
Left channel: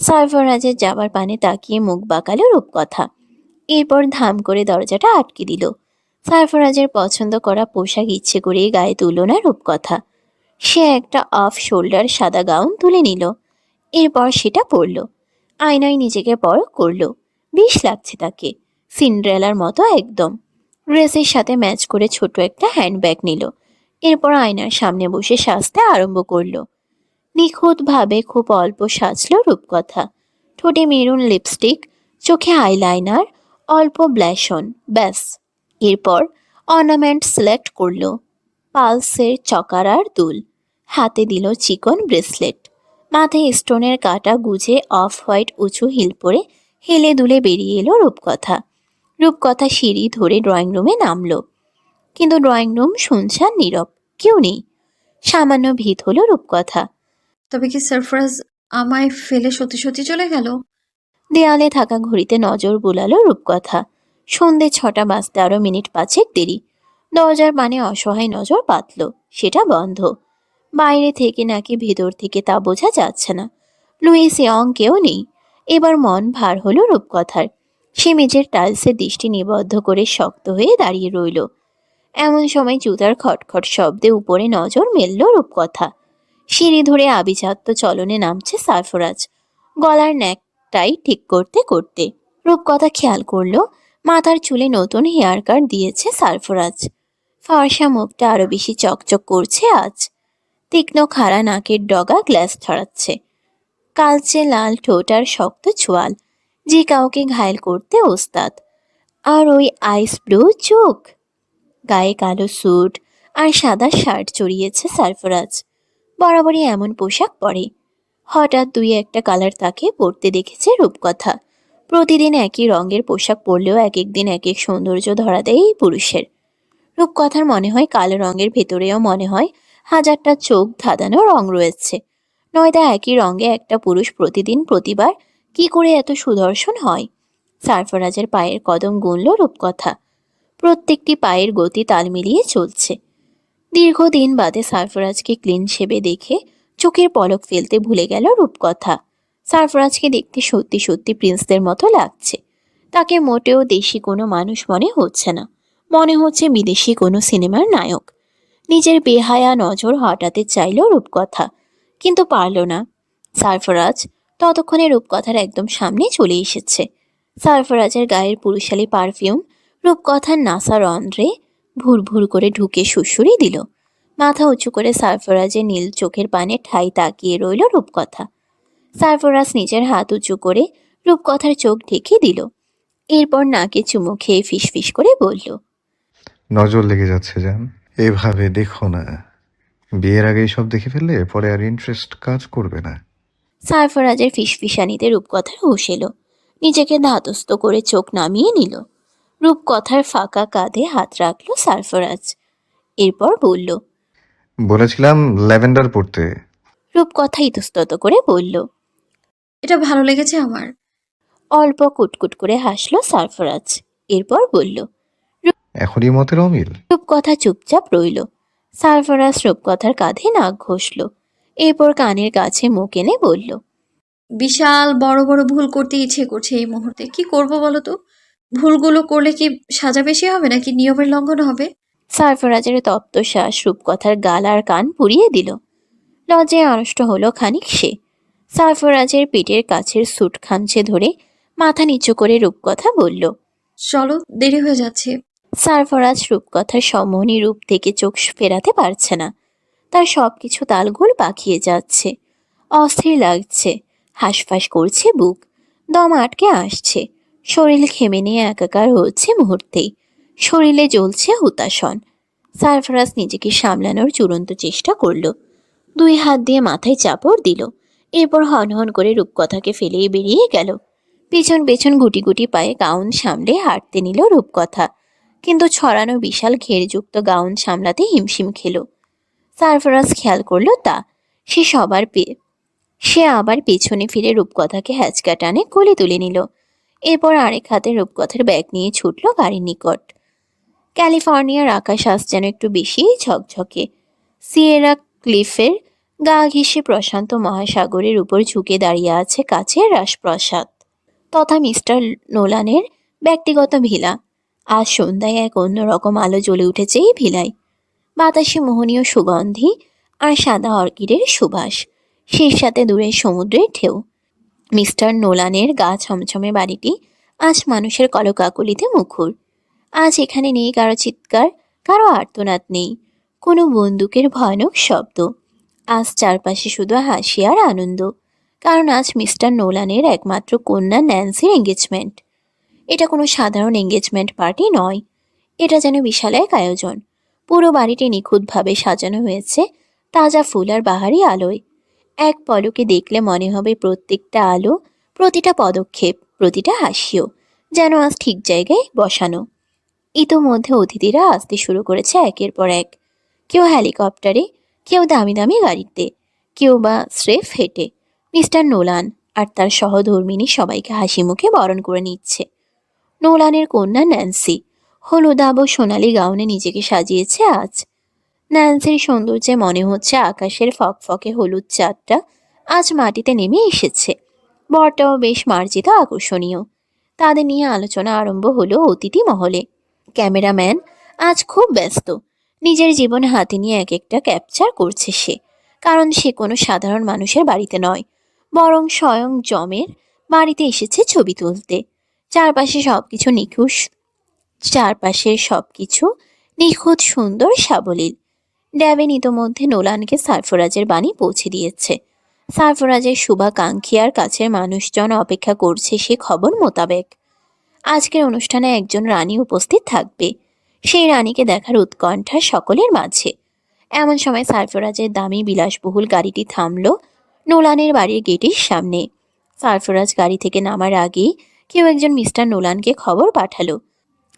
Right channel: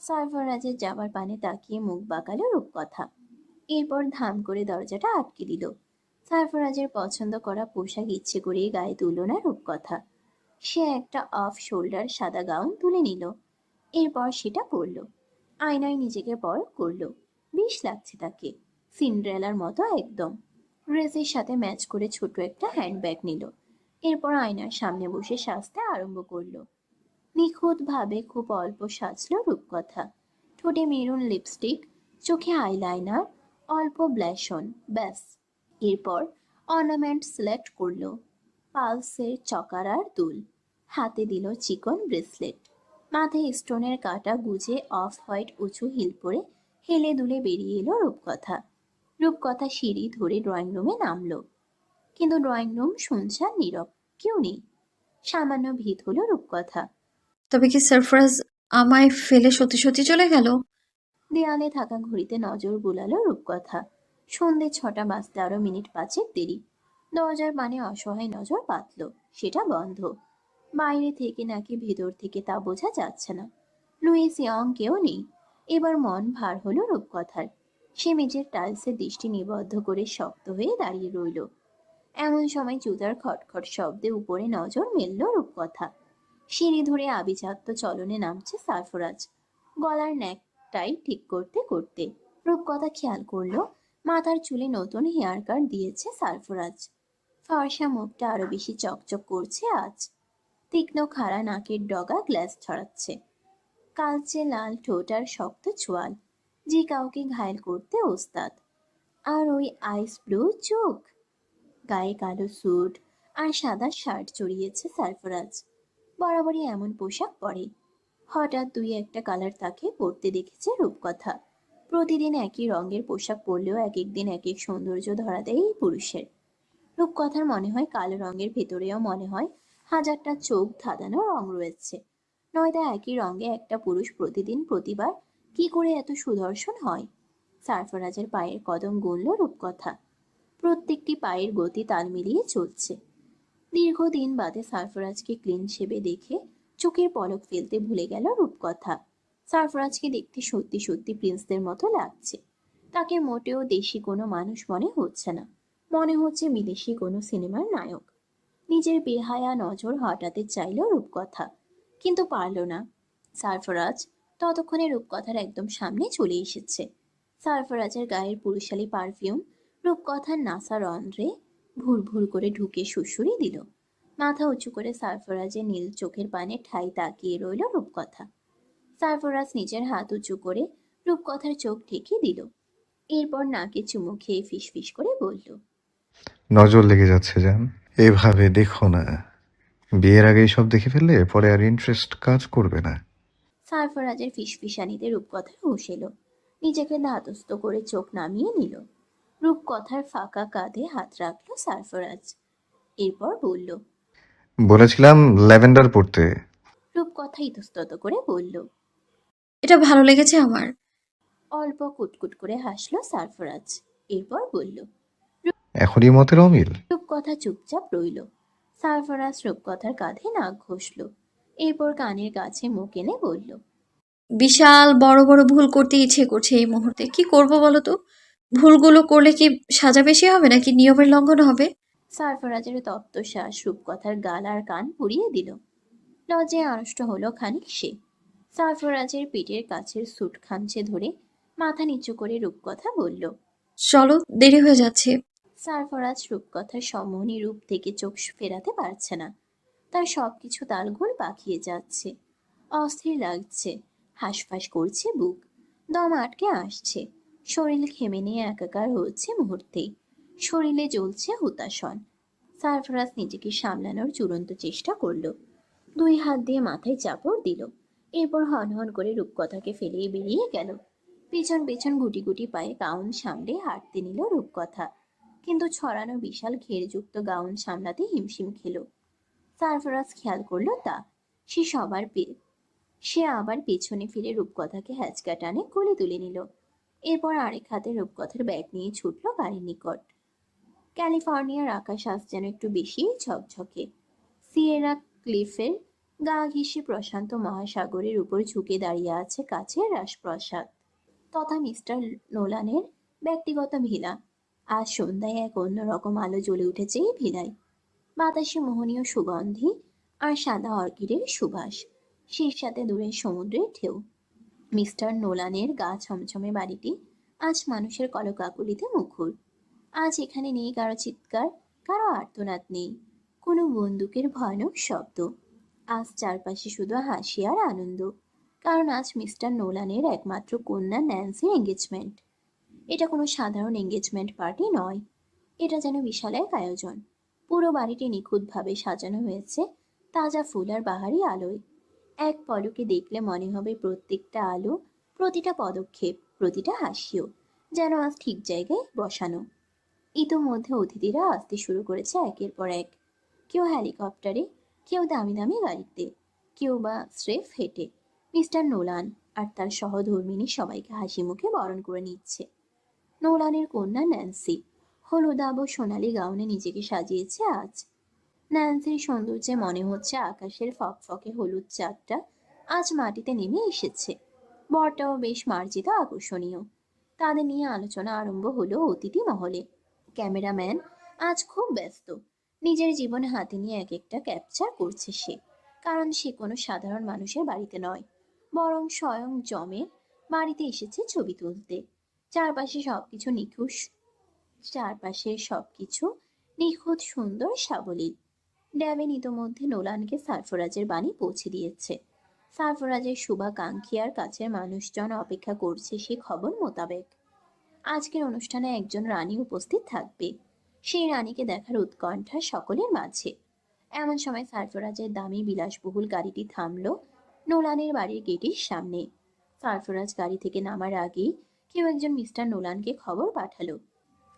সারফরাজের যাবার পানে তাকিয়ে মুখ বাঁকালো রূপকথা। এরপর ধাম করে দরজাটা আটকে দিল। সারফরাজের পছন্দ করা পোশাক ইচ্ছে করে গায়ে তুলল না রূপকথা। সে একটা অফ শোল্ডার সাদা গাউন তুলে নিল। এরপর সেটা পরল। আয়নায় নিজেকে পরখ করল। বেশ লাগছে তাকে। সিন্ড্রেলার মতো একদম। ড্রেসের সাথে ম্যাচ করে ছোট একটা হ্যান্ডব্যাগ নিল। এরপর আয়নার সামনে বসে সাজতে আরম্ভ করল। নিখুঁতভাবে খুব অল্প সাজলো রূপকথা। ঠোঁটে মেরুন লিপস্টিক, চোখে আইলাইনার, অল্প ব্ল্যাশন, ব্যাস। এরপর অর্নামেন্ট সিলেক্ট করল। পালসের চকারার দুল। হাতে দিল চিকন ব্রেসলেট। মাথায় স্টোনের কাটা গুজে অফ হোয়াইট উঁচু হিল পরে হেলে দুলে বেরিয়ে এলো রূপকথা। রূপকথা সিঁড়ি ধরে ড্রয়িং রুমে নামলো। কিন্তু ড্রয়িং রুম শুনছান নীরব। কেউ নেই। সামান্য ভিত হলো রূপকথা। তবে কি সারফরাজ আমায় ফেলে সত্যি সত্যি চলে গেল? দেয়ালে থাকা ঘড়িতে নজর বুলালো রূপকথা। সন্ধে ছটা বাজতে আরও মিনিট পাঁচেক দেরি। দরজার মানে অসহায় নজর পাতল সেটা বন্ধ। বাইরে থেকে নাকি ভেতর থেকে তা বোঝা যাচ্ছে না। লুইস ইয়ং কেউ নেই। এবার মন ভার হলো রূপকথার। সে মেঝের টাইলসে দৃষ্টি নিবদ্ধ করে শক্ত হয়ে দাঁড়িয়ে রইল। এমন সময় জুতার খটখট শব্দে উপরে নজর মেলল রূপকথা। সিঁড়ি ধরে আভিজাত্য চলনে নামছে সারফরাজ। গলার ন্যাকটাই ঠিক করতে করতে রূপকথা খেয়াল করল, মাথার চুলে নতুন হেয়ার কাট দিয়েছে সারফরাজ। ফর্সা মুখটা আরও বেশি চকচক করছে আজ। তীক্ষ্ণ খাড়া নাকের ডগা গ্লাস ছড়াচ্ছে কালচে লাল ঠোঁট আর শক্ত ছোয়াল যে কাউকে ঘায়েল করতে ওস্তাদ। আর ওই আইস ব্লু চোখ। গায়ে কালো স্যুট আর সাদা শার্ট চড়িয়েছে সারফরাজ। বরাবরই এমন পোশাক পরে। হঠাৎ দুই একটা কালার তাকে পরতে দেখেছে রূপকথা। প্রতিদিন একই রঙের পোশাক পরলেও এক এক দিন এক এক সৌন্দর্য ধরা দেয় এই পুরুষের। রূপকথার মনে হয় কালো রঙের ভেতরেও মনে হয় হাজারটা চোখ ধাঁধানো রং রয়েছে। নয়তো একই রঙে একটা পুরুষ প্রতিদিন প্রতিবার কি করে এত সুদর্শন হয়? সারফরাজের পায়ের কদম গুনল রূপকথা। প্রত্যেকটি পায়ের গতি তাল মিলিয়ে চলছে। দীর্ঘদিন বাদে সারফরাজকে ক্লিন শেবে দেখে চোখের পলক ফেলতে ভুলে গেল রূপকথা। সারফরাজকে দেখতে সত্যি সত্যি প্রিন্সদের মতো লাগছে। তাকে মোটেও দেশি কোনো মানুষ মনে হচ্ছে না। মনে হচ্ছে বিদেশি কোনো সিনেমার নায়ক। নিজের বেহায়া নজর হটাতে চাইল রূপকথা। কিন্তু পারল না। সারফরাজ ততক্ষণে রূপকথার একদম সামনে চলে এসেছে। সারফরাজের গায়ের পুরুষালী পারফিউম রূপকথার নাসার অন্ধ্রে ভুর ভুর করে ঢুকে সুসুরি দিল। মাথা উঁচু করে সারফরাজের নীল চোখের পানে ঠাই তাকিয়ে রইল রূপকথা। সারফরাজ নিজের হাত উঁচু করে রূপকথার চোখ ঢেকে দিল। এরপর নাকে চুমু খেয়ে ফিসফিস করে বলল নজর লেগে যাচ্ছে যান এভাবে দেখো না। বিয়ের আগে সব দেখে ফেললে পরে আর ইন্টারেস্ট কাজ করবে না। সারফরাজের ফিসফিসানিতে রূপকথার হুশ এলো। নিজেকে ধাতস্থ করে চোখ নামিয়ে নিল। রূপকথার ফাঁকা কাঁধে হাত রাখল সারফরাজ। এরপর বলল বলেছিলাম ল্যাভেন্ডার পড়তে। রূপকথা ইতস্তত করে বলল এটা ভালো লেগেছে আমার। অল্প কুটকুট করে হাসলো সারফরাজ। এরপর বলল এখনই মতের অমিল। রূপকথা চুপচাপ রইল। সারফরাজ রূপকথার কাঁধে নাক ঘষল। এরপর কানের কাছে মুখ এনে বলল বিশাল বড় বড় ভুল করতে ইচ্ছে করছে এই মুহূর্তে। কি করব বলো তো? ভুলগুলো করলে কি সাজা বেশি হবে নাকি নিয়মের লঙ্ঘন হবে? সারফরাজের তপ্ত শ্বাস রূপকথার গাল আর কান পুড়িয়ে দিল। লজ্জায় আড়ষ্ট হলো খানিক সে। সারফরাজের পিঠের কাছের স্যুট খামছে ধরে মাথা নিচু করে রূপকথা বলল চলো দেরি হয়ে যাচ্ছে। সারফরাজ রূপকথার সম্মোহনী রূপ থেকে চোখ ফেরাতে পারছে না। তার সব কিছু তালগোল পাকিয়ে যাচ্ছে। অস্থির লাগছে। হাঁসফাঁস করছে বুক। দম আটকে আসছে। শরীর ঘেমে নিয়ে একাকার হচ্ছে মুহূর্তেই। শরীরে জ্বলছে হুতাশন। সারফরাজ নিজেকে সামলানোর চূড়ান্ত চেষ্টা করল। দুই হাত দিয়ে মাথায় চাপড় দিল। এরপর হন হন করে রূপকথাকে ফেলেই বেরিয়ে গেল। পেছন পেছন গুটি গুটি পায়ে গাউন সামলে হাঁটতে নিল রূপকথা। কিন্তু ছড়ানো বিশাল ঘেরযুক্ত গাউন সামলাতে হিমশিম খেল। সারফরাজ খেয়াল করল তা। সে সবার পে সে আবার পেছনে ফিরে রূপকথাকে হ্যাচকা টানে কোলে তুলে নিল। এরপর আরেক হাতে রূপকথার ব্যাগ নিয়ে ছুটল গাড়ির নিকট। ক্যালিফোর্নিয়ার আকাশ আজ যেন একটু বেশি ঝকঝকে। সিয়েরা ক্লিফের গা ঘেঁষে প্রশান্ত মহাসাগরের উপর ঝুঁকে দাঁড়িয়ে আছে কাছের রাজপ্রসাদ। তথা মিস্টার নোলানের ব্যক্তিগত ভিলা। আজ সন্ধ্যায় এক অন্যরকম আলো জ্বলে উঠেছে এই ভিলায়। বাতাসে মোহনীয় সুগন্ধি আর সাদা অর্কিডের সুবাস। সেই সাথে দূরের সমুদ্রের ঢেউ। মিস্টার নোলানের গা ছমছমে বাড়িটি আজ মানুষের কলকাকলিতে মুখর। আজ এখানে নেই কারও চিৎকার, কারও আর্তনাদ নেই, কোনো বন্দুকের ভয়ানক শব্দ। আজ চারপাশে শুধু হাসি আর আনন্দ, কারণ আজ মিস্টার নোলানের একমাত্র কন্যা ন্যান্সির এঙ্গেজমেন্ট এটা কোনো সাধারণ এঙ্গেজমেন্ট পার্টি নয়, এটা যেন বিশাল এক আয়োজন। পুরো বাড়িটি নিখুঁতভাবে সাজানো হয়েছে, তাজা ফুল আর বাহারি আলোয়। এক পলকে দেখলে মনে হবে প্রত্যেকটা আলো, প্রতিটা পদক্ষেপ, প্রতিটা হাসিও যেন আজ ঠিক জায়গায় বসানো। ইতোমধ্যে অতিথিরা আসতে শুরু করেছে একের পর এক। কেউ হেলিকপ্টারে, কেউ দামি দামি গাড়িতে, কেউ বা স্রেফ হেঁটে। মিস্টার নোলান আর তার সহধর্মিনী সবাইকে হাসি মুখে বরণ করে নিচ্ছে। নোলানের কন্যা ন্যান্সি হলুদাব সোনালি গাউনে নিজেকে সাজিয়েছে আজ। ন্যান্সির সৌন্দর্যে মনে হচ্ছে আকাশের ফকফকে হলুদ চাঁদটা আজ মাটিতে নেমে এসেছে। বরটাও বেশ মার্জিত আকর্ষণীয়। তাদের নিয়ে আলোচনা আরম্ভ হলো অতিথি মহলে। ক্যামেরাম্যান আজ খুব ব্যস্ত। নিজের জীবন হাতে নিয়ে এক একটা ক্যাপচার করছে সে। কারণ সে কোনো সাধারণ মানুষের বাড়িতে নয়। বরং স্বয়ং জমের বাড়িতে এসেছে ছবি তুলতে। চারপাশে সব কিছু নিখুঁত চারপাশের সব কিছু নিখুঁত, সুন্দর, সাবলীল। ড্যাবেন ইতোমধ্যে নোলানকে সারফরাজের বাণী পৌঁছে দিয়েছে। সারফরাজের শুভাকাঙ্ক্ষী আর কাছের মানুষজন অপেক্ষা করছে সে খবর মোতাবেক। আজকের অনুষ্ঠানে একজন রানী উপস্থিত থাকবে। সেই রানীকে দেখার উৎকণ্ঠা সকলের মাঝে। এমন সময় সারফরাজের দামি বিলাসবহুল গাড়িটি থামল নোলানের বাড়ির গেটের সামনে। সারফরাজ গাড়ি থেকে নামার আগেই কেউ একজন মিস্টার নোলানকে খবর পাঠালো।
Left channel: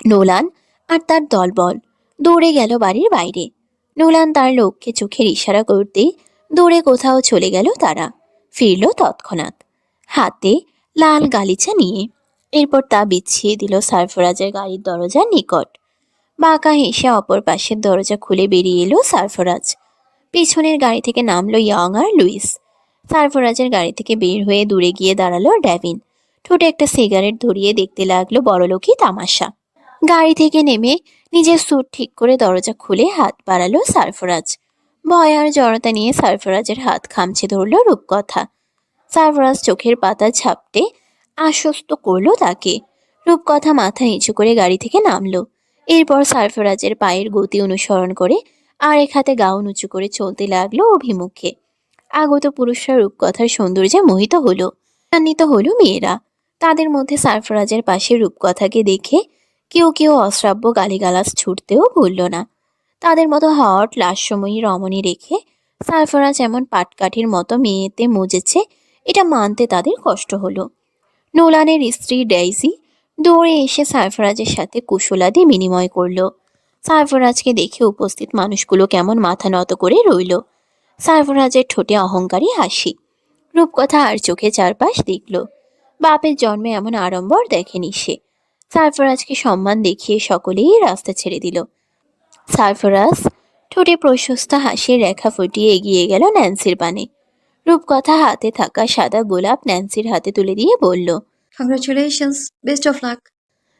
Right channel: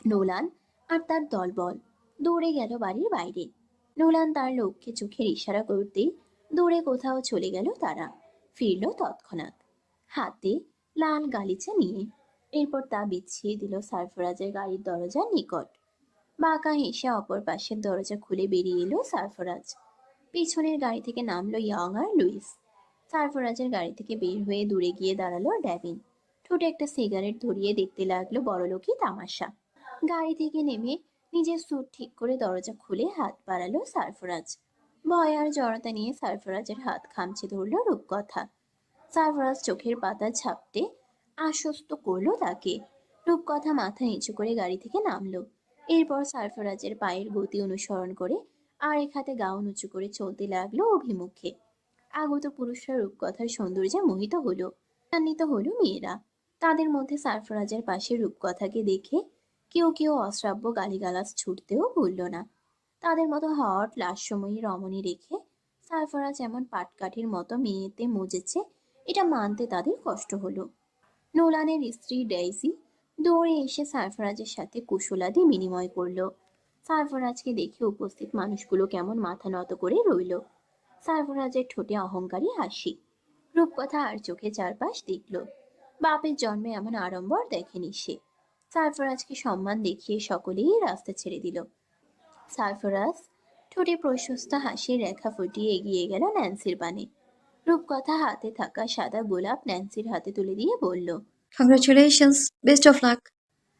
নোলান, আর তার দলবল, দৌড়ে গেল বাড়ির বাইরে। নোলান তার লোককে চোখের ইশারা করতে দূরে কোথাও চলে গেল তারা। ফিরল তৎক্ষণাৎ। হাতে লাল গালিচা নিয়ে। এরপর তা বিছিয়ে দিল সারফরাজের গাড়ির দরজার নিকট। বাঁকা হেসে অপর পাশের দরজা খুলে বেরিয়ে এলো সারফরাজ। পিছনের গাড়ি থেকে নামলো ইয়ং আর লুইস। সারফরাজের গাড়ি থেকে বের হয়ে দূরে গিয়ে দাঁড়াল ড্যাভিন ঠোঁটে একটা সিগারেট ধরিয়ে দেখতে লাগল বড়লোকই তামাশা। গাড়ি থেকে নেমে নিজের স্যুট ঠিক করে দরজা খুলে হাত বাড়ালো সারফরাজ। ভয় আর জড়তা নিয়ে সারফরাজের হাত খামছে ধরলো রূপকথা। সারফরাজ চোখের পাতা ঝাপটে আশ্বস্ত করল তাকে। রূপকথা মাথা নিচু করে গাড়ি থেকে নামলো। এরপর সারফরাজের পায়ের গতি অনুসরণ করে আরেক হাতে গাউন উঁচু করে চলতে লাগল অভিমুখে। আগত পুরুষরা রূপকথার সৌন্দর্যে মোহিত হলো। আন্বিত হলো মেয়েরা। তাদের মধ্যে সারফরাজের পাশে রূপকথাকে দেখে কেউ কেউ অশ্রাব্য গালিগালাজ ছুটতেও ভুলল না। তাদের মতো হট লাস্যময়ী রমণী রেখে সারফরাজ এমন পাটকাঠির মতো মেয়েতে মজেছে, এটা মানতে তাদের কষ্ট হলো। নোলানের স্ত্রী ডেইসি দৌড়ে এসে সারফরাজের সাথে কুশলাদি বিনিময় করল। সারফরাজকে দেখে উপস্থিত মানুষগুলো কেমন মাথা নত করে রইল। সারফরাজের ঠোঁটে অহংকারী হাসি, রূপকথা আর চোখে চারপাশ দেখল। বাপের জন্মে এমন আড়ম্বর দেখেনি সে। সারফরাজকে সম্মান দেখিয়ে সকলেই রাস্তা ছেড়ে দিল। সারফরাজ ঠোঁটে প্রশস্ত হাসির রেখা ফুটিয়ে এগিয়ে গেল ন্যান্সির পানে রূপকথা হাতে থাকা সাদা গোলাপ ন্যান্সির হাতে তুলে দিয়ে বলল congratulations best of luck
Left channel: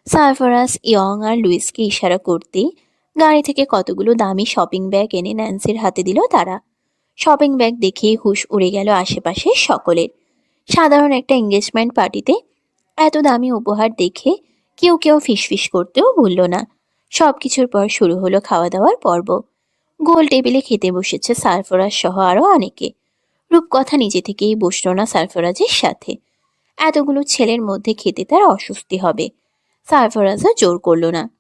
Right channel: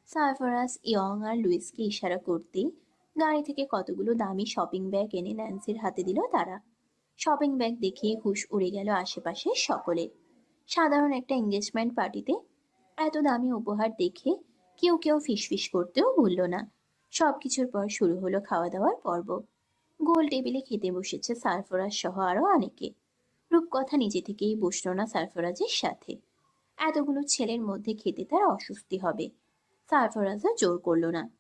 Sarfaraz Young আর লুইসকে ইশারা করতেই গাড়ি থেকে কতগুলো দামি শপিং ব্যাগ এনে ন্যান্সির হাতে দিল তারা। শপিং ব্যাগ দেখেই হুশ উড়ে গেল আশেপাশে সকলের। সাধারণ একটা এঙ্গেজমেন্ট পার্টিতে এত দামি উপহার দেখে কেউ কেউ ফিসফিস করতেও ভুলল না। সব কিছুর পর শুরু হলো খাওয়া দাওয়ার পর্ব। গোল টেবিলে খেতে বসেছে সারফরাজ সহ আরও অনেকে। রূপকথা নিজে থেকেই বসল না সারফরাজের সাথে। এতগুলো ছেলের মধ্যে খেতে তার অস্বস্তি হবে। সারফরাজও জোর করল না।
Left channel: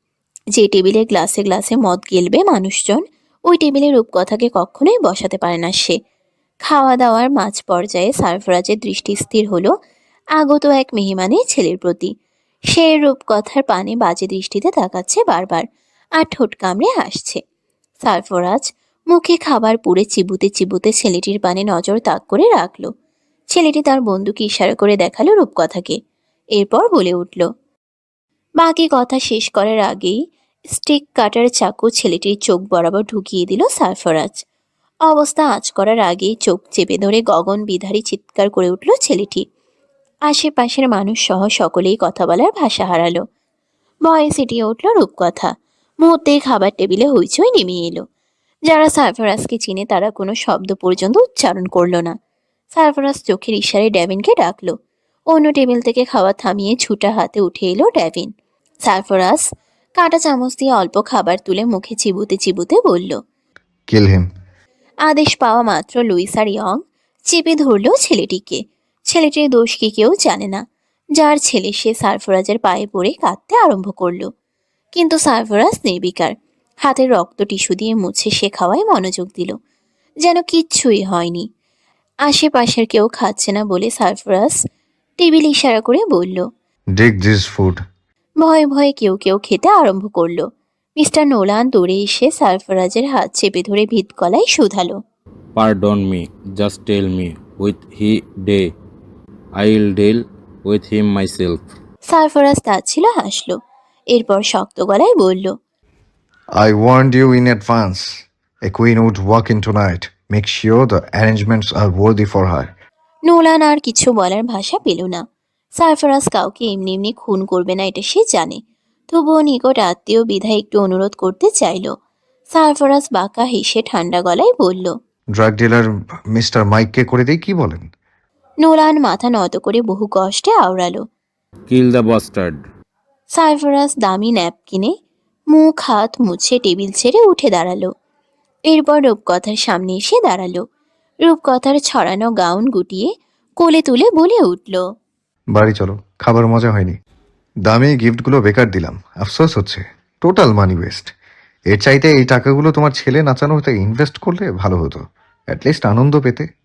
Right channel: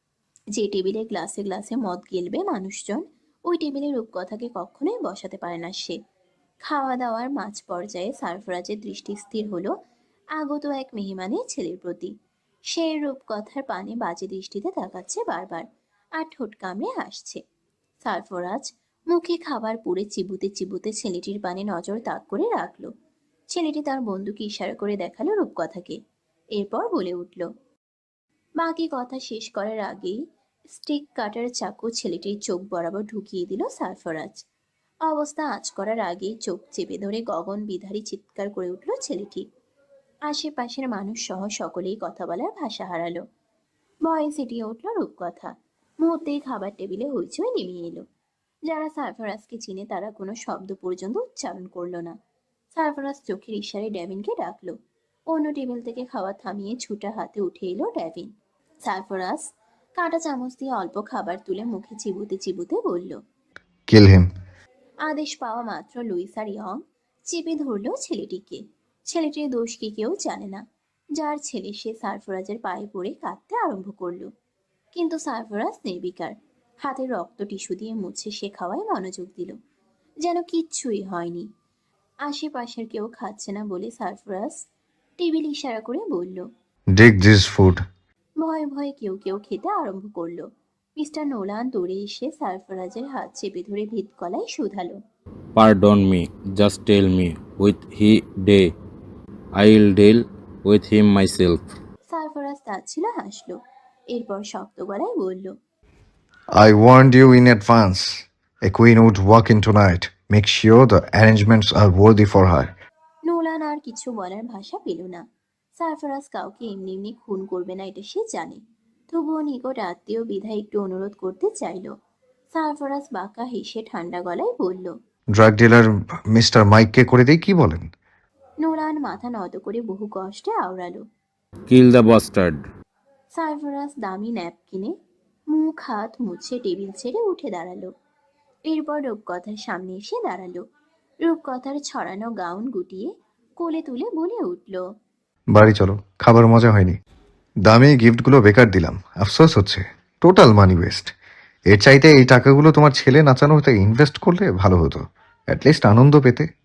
যে টেবিলে গ্লাসে গ্লাসে মদ গেলবে মানুষজন, ওই টেবিলে রূপকথাকে কখনোই বসাতে পারে না সে। খাওয়া দাওয়ার মাঝ পর্যায়ে সারফরাজের দৃষ্টি স্থির হলো আগত এক মেহমানের ছেলের প্রতি। সে রূপকথার পানে বাজে দৃষ্টিতে তাকাচ্ছে বারবার আর ঠোঁট কামড়ে হাসছে। সারফরাজ মুখে খাবার পুড়ে চিবুতে চিবুতে ছেলেটির পানে নজর তাক করে রাখল। ছেলেটি তার বন্ধুকে ইশারা করে দেখাল রূপকথাকে। এরপর বলে উঠল, বাকি কথা শেষ করার আগেই স্টিক কাটার চাকু ছেলেটির চোখ বরাবর ঢুকিয়ে দিল সারফরাজ অবস্থা আঁচ করার আগেই চোখ চেপে ধরে গগন বিধারী চিৎকার করে উঠল ছেলেটি। আশেপাশের মানুষ সহ সকলেই কথা বলার ভাষা হারালো। ভয়ে সিটিয়ে উঠল রূপকথা। মুহূর্তেই খাবার টেবিলে হইচই নেমে এলো। যারা সারফরাজকে চিনে তারা কোনো শব্দ পর্যন্ত উচ্চারণ করল না। সারফরাজ চোখের ইশারে ড্যাভিনকে ডাকলো। অন্য টেবিল থেকে খাবার থামিয়ে ছুটা হাতে উঠে এলো ড্যাভিন সারফরাজ কাঁটা চামচ দিয়ে অল্প খাবার তুলে মুখে চিবুতে চিবুতে বলল কিল হিম আদেশ পাওয়া মাত্র লুইস আর ইয়ং চেপে ধরলো ছেলেটিকে। ছেলেটির দোষ কি কেউ জানে না। যার ছেলে সে সারফরাজের পায়ে পড়ে কাঁদতে আরম্ভ করল। কিন্তু সারফরাজ নির্বিকার। হাতের রক্ত টিস্যু দিয়ে মুছে সে খাওয়ায় মনোযোগ দিল। যেন কিচ্ছুই হয়নি। আশেপাশের কেউ খাচ্ছে না বলে সারফরাজ টেবিল ইশারা করে বলল ডিক দিস ফুড ভয়ে ভয়ে কেউ কেউ খেতে আরম্ভ করল। মিস্টার নোলান দৌড়ে এসে সারফরাজের হাত চেপে ধরে ভিত গলায় শুধালো। Pardon me, just tell me, with he day, I'll deal with him myself. Sarfaraz তাচ্ছিল হাসলো এরপর শক্ত গলায় বলল I warned you in advance. A queen would walk in tonight. Make sure the arrangements are worthy for her. Nolan আর কিছু বলার ভাষা পেল না সারফরাজ কাউকে এমনি এমনি খুন করবে না এটা সে জানে তবুও নিকট আত্মীয় বিধায় একটু অনুরোধ করতে চাইল সারফরাজ বাঁকা হেসে ঠান্ডা গলায় বলল ড্রাগ ডিলার মিস্টার মাইককে করে দেই কি বলেন নোলান মাথা নত করে বহু কষ্টে আওড়ালো। Kill the bastard. সারফরাজ দামি ন্যাপকিনে মুখ হাত মুছে টেবিল ছেড়ে উঠে দাঁড়াল। এরপর রূপকথার সামনে এসে দাঁড়াল। রূপকথার ছড়ানো গাউন গুটিয়ে কোলে তুলে বলে উঠল বাড়ি চলো খাবার মজা হয়নি। দামি গিফটগুলো বেকার দিলাম আফসোস হচ্ছে। Total money waste. এর চাইতে এই টাকাগুলো তোমার ছেলে নাচানো হতে ইনভেস্ট করলে ভালো হতো। অ্যাটলিস্ট আনন্দ পেতে।